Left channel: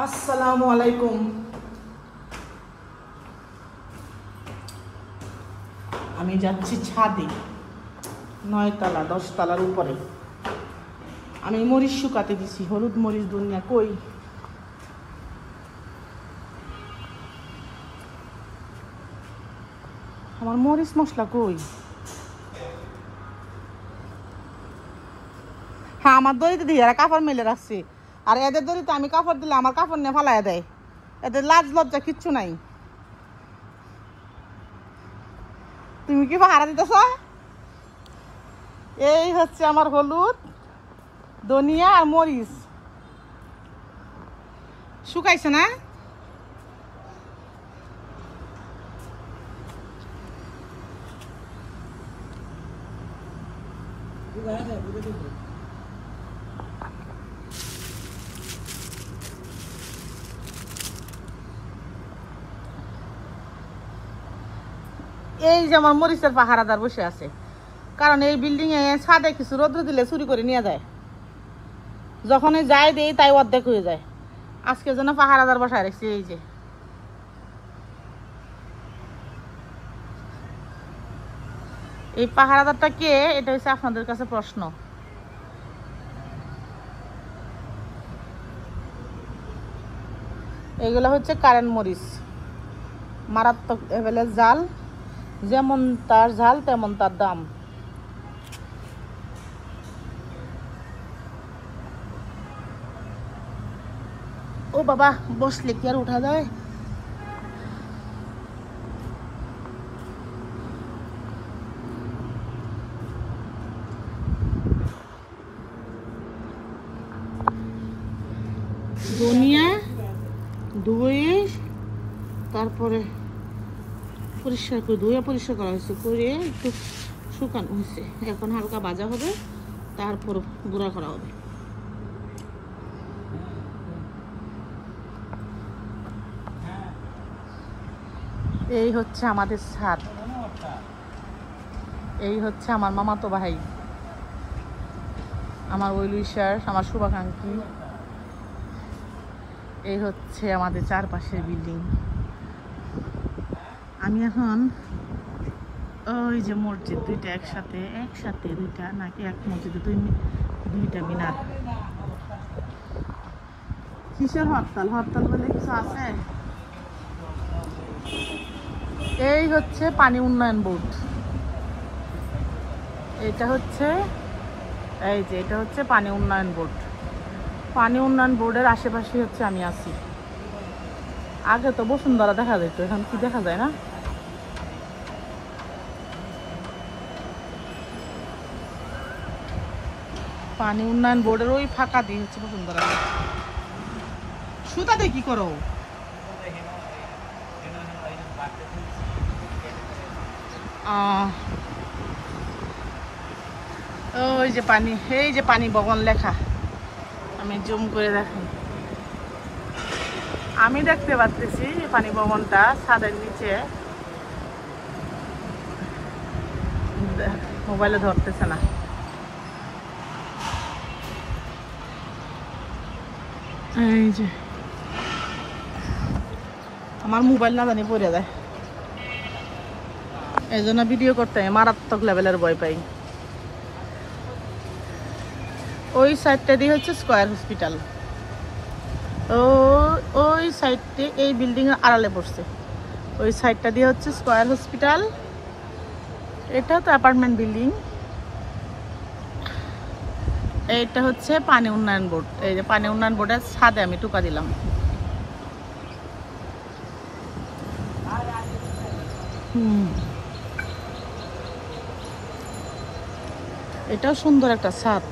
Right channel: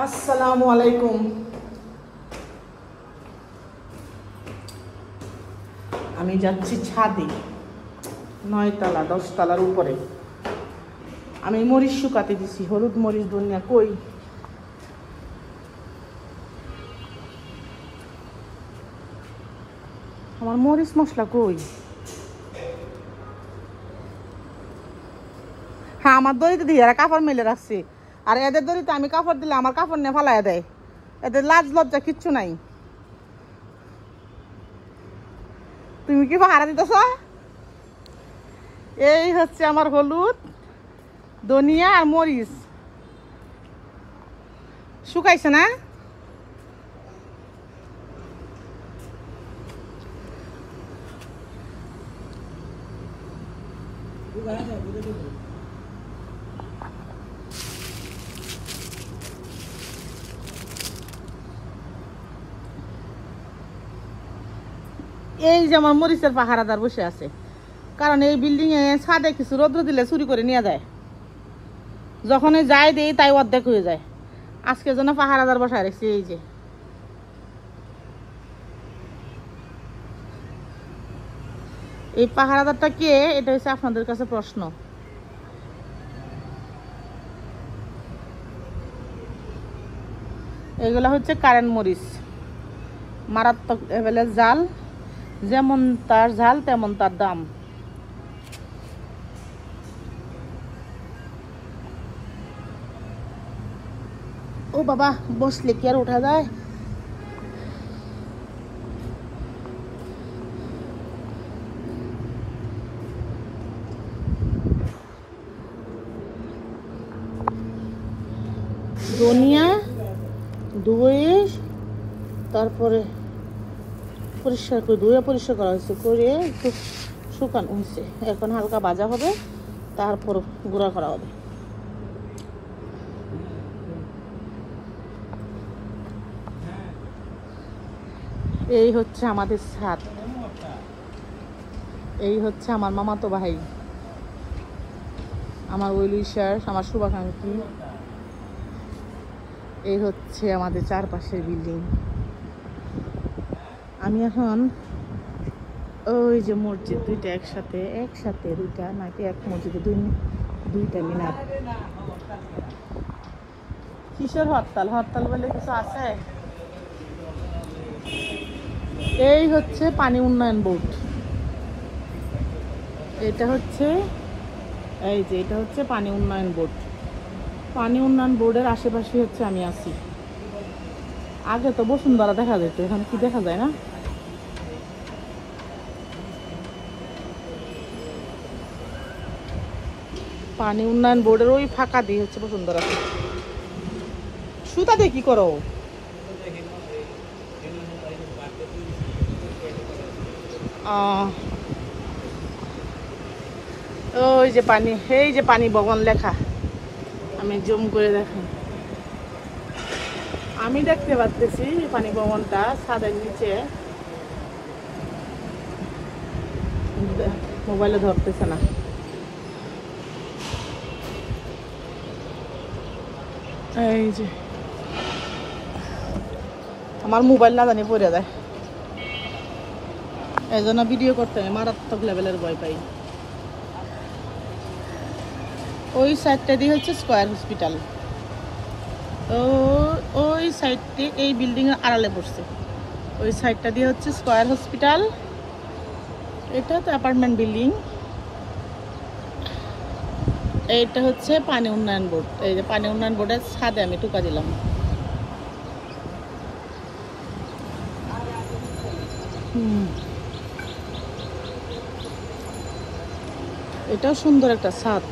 আসসালামু আলাইকুম। আমি যাচ্ছি ছাদে, 9 তলা 10 তলার উপরে। আমি মরিচ শুকাতে দিছি, হলুদ মরিচ দুনিয়া কই। আমার মরিচ মশলা কই? হ্যাঁ, আমার দড়িতে দিয়ে এরা কাপড় মেলে রাখছে, আর এদের দড়িতে আমি কাপড় দিলে আমার কাপড় নিয়ে ফেলাইয়া দেয়। এদের লাজ লজ্জা কিচ্ছু নাই। তুমি কি ভাড়া দিতেছ? এই হচ্ছে আমার হলুদ, ধনিয়া আর মরিচ শুকাইছে না? এই যে আমার মরিচের পাহারাদার বসে আছে, কারণ এই বিল্ডিং এ ছাদে কিছু রোদ্র দিলে চুরি করে নিয়ে যায়। যখন যাই দিই তাই অর্ধেক হয়ে যায়। আজকের জন্য পাহারাদার বসায় রেখেছি। এই যে এই পাহারাদারটা কে, এটা হচ্ছে আপনাদের কাছে প্রশ্ন। এগুলো হচ্ছে কারেন্ট মরিচ, মারাত্মক লেভেলের জাল। যেমন তার ঝাল তেমন তার দাম। ও বাবা, বসলে কি আর ওঠা যায়? ধনিয়া ধুয়ে তারপরে পরিষ্কার করে পরিষ্কার করা হয়েছে, করে একটু শুকানো হয়েছে। এখন হালকা ভাজা হবে, তারপর গুঁড়া করা হবে। এই হচ্ছে আমাদের ছাদ, এই হচ্ছে আমার মামাতো ভাই, আমার ওয়েলউইশার, আমার শুভাকাঙ্ক্ষী। এই হচ্ছে আমাদের চারপাশের বিল্ডিং। আমি এখন ওই যে মসজিদ দুইটা একসাথে দুইটা নাকি এক মসজিদে দুইটা মিনার। কিসের হরতাল বলে কিছু আছে? এই হচ্ছে পানি উন্নয়ন বোর্ড। এটা হচ্ছে পানি উন্নয়ন বোর্ড। পানি উন্নয়ন বোর্ডের আশেপাশে হচ্ছে আমি আছি। আগে তো বসুন্ধরা দেখা যেত, এখন কি দেখা যায় না? পানি উন্নয়ন বোর্ডের ওই ফাঁকা দিয়ে হচ্ছে বসুন্ধরা। সুতা দিয়ে কি করো? ওই যে পানি, এই যে পানি ভবন লেখা, আমি জুম করে দেখি। আমি দেখতে পাচ্ছি পানি ভবনটা ছাদের নিচে। মোবাইলে ধরতেছে না। এই যে আমার মোবাইল না জানি পড়ে যায়, এই জন্য ভিডিও করতে মারাত্মক লেভেলের ভয় পাই। ওই সাইডটা দিয়ে হচ্ছে স্কয়ার হসপিটাল। ওই সাইডে এই বিল্ডিং এর আড়ালে পড়ছে। ওই সাইডটা দিয়ে হচ্ছে স্কয়ার হসপিটাল। এটা তো অ্যাপার্টমেন্ট বিল্ডিং। এইটা হচ্ছে পানি উন্নয়ন বোর্ড। এই যে পানি উন্নয়ন বোর্ডের ছাদে আমি টুকা দিলাম। এটাও সুন্দর একটা ছাদ,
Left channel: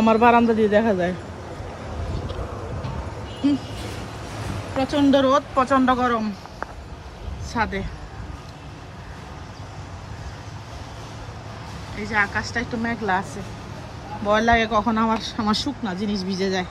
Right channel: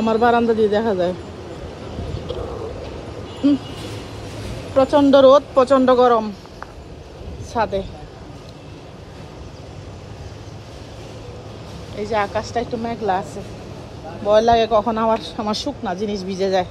আমার বারান্দা দিয়ে দেখা যায়। প্রচন্ড রোদ, প্রচন্ড গরম ছাদে। এই যে আকাশটা একটু মেঘলা আছে, ভয় লাগে কখন আমার শুকনা জিনিস ভিজে যায়।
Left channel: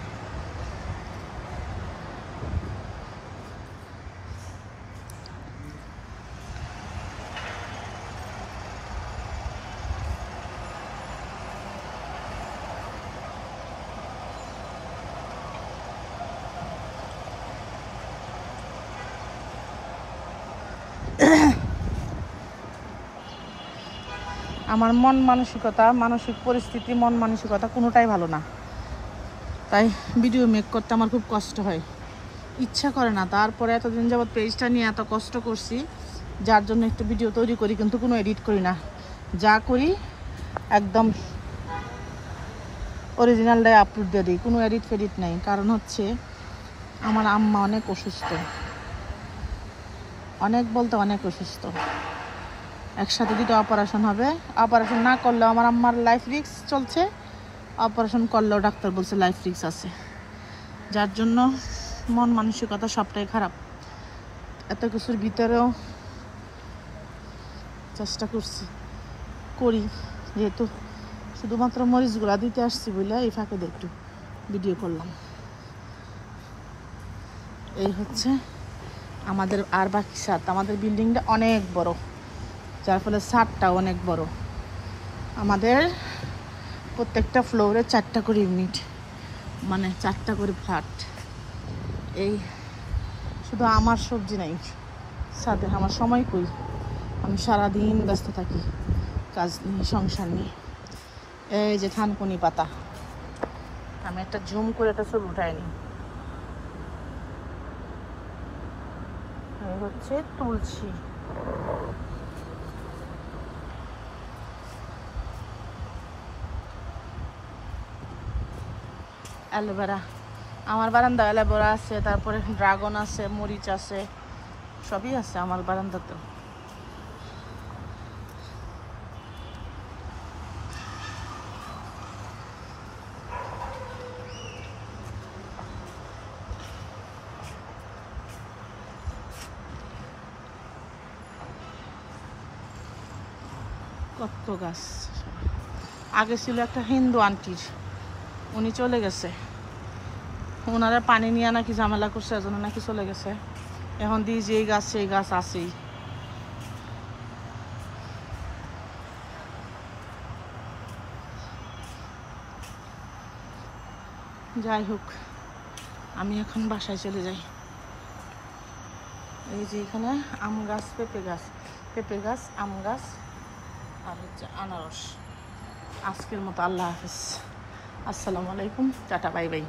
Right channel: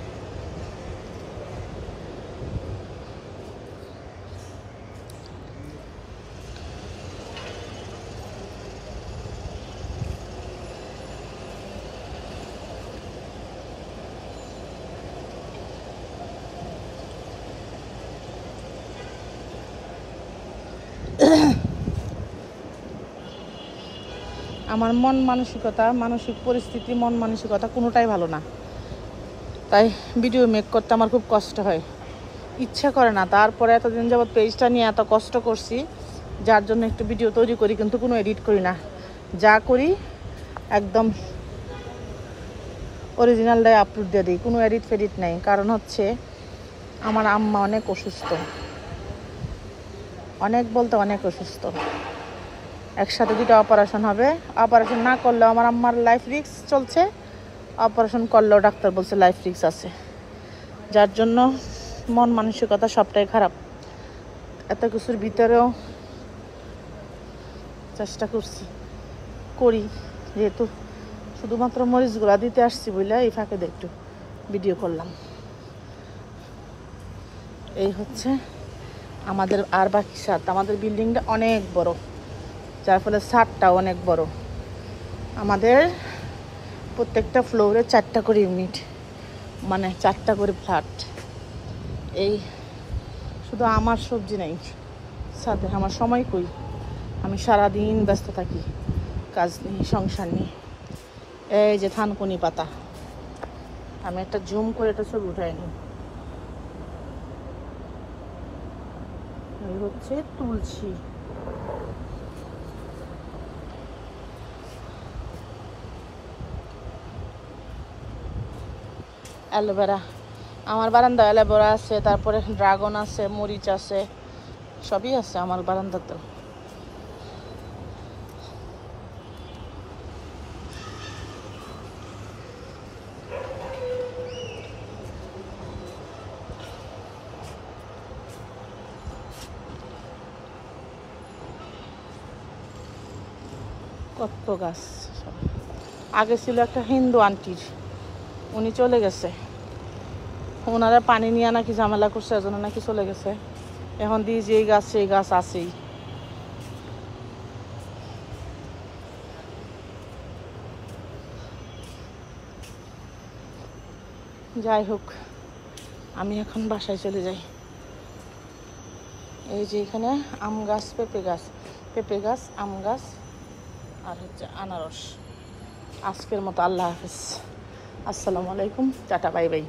আমার মন মানসিকতা, মানসিক পরিস্থিতি, মন মানসিকতা কোনোটাই ভালো না, তাই ভিডিও মেক করতে আমার খুব কষ্ট হয়, ইচ্ছা করে না। তারপরে এতদিন যাবত পেজটা নিয়ে এত কষ্ট করছি, যার জন্য একটু ভিডিও তৈরি করি, কিন্তু কোনো এডিট করি না। যা করি একদম অরিজিনালটাই আপলোড দিয়ে দিই, কোনো এডিট ফেডিট নেই। কারণ হচ্ছে আমার আম্মা অনেক অসুস্থ, অনেক বলতে অনেক অসুস্থ। একসাথে 2টা অপারেশন হবে, অপারেশন না করলেও আমার আম্মার লাইফ রিস্ক চলছে, অপারেশন করলেও ডাক্তার বলছে লাইফ রিস্ক আছে। যার জন্য মন মানসিকতা সবটাই খারাপ। এত কিছুর ভিতরেও চেষ্টা করি, যেহেতু শুধুমাত্র মরিচগুলা দিতে আসছি বলে এই ফাঁকে একটু ভিডিও করলাম। এই হচ্ছে আমাদের আর বাকি ছাদ। আমাদের বিল্ডিংটা অনেক বড়, যার ফলে ছাদটাও অনেক বড়। আমাদের প্রত্যেকটা ফ্লোরে 4টা করে ইউনিট, মানে 4টা করে ফ্ল্যাট। এই শুধু আমার সবজি নাই সাথে, আমার সময় কই, আমি সারাদিন ব্যস্ত থাকি কাজ নিয়ে, সংসার নিয়ে। এই যে থানকুনি পাতা, আমি একটা জুম করে এটা ছবি উঠাইনি। এই হচ্ছে তুলসী, অ্যালোভেরা। আমার বারান্দা অ্যালোভেরা আছে, তারপরে ড্রাগন আছে, মরিচ আছে, সবই আছে আমার বারান্দাতে। কত গাছ। আগে ছিল একটা হিন্দু আন্টির, উনি চলে গেছে, ওনারা পানি নিয়ে নাকি ঝামেলা করছে, এজন্য নাকি চলে গেছে। এখন দিয়ে যে গাছ সেই গাছ আছেই। যাই হোক, আমি এখন বাসায় চলে যাই। এই যে এখানে আম গাছ, পেঁপে গাছ, আম গাছ, আর হচ্ছে আনারস। আজকের মতো আল্লাহ হাফিজ, আসসালামু আলাইকুম, টাটা, বাই বাই।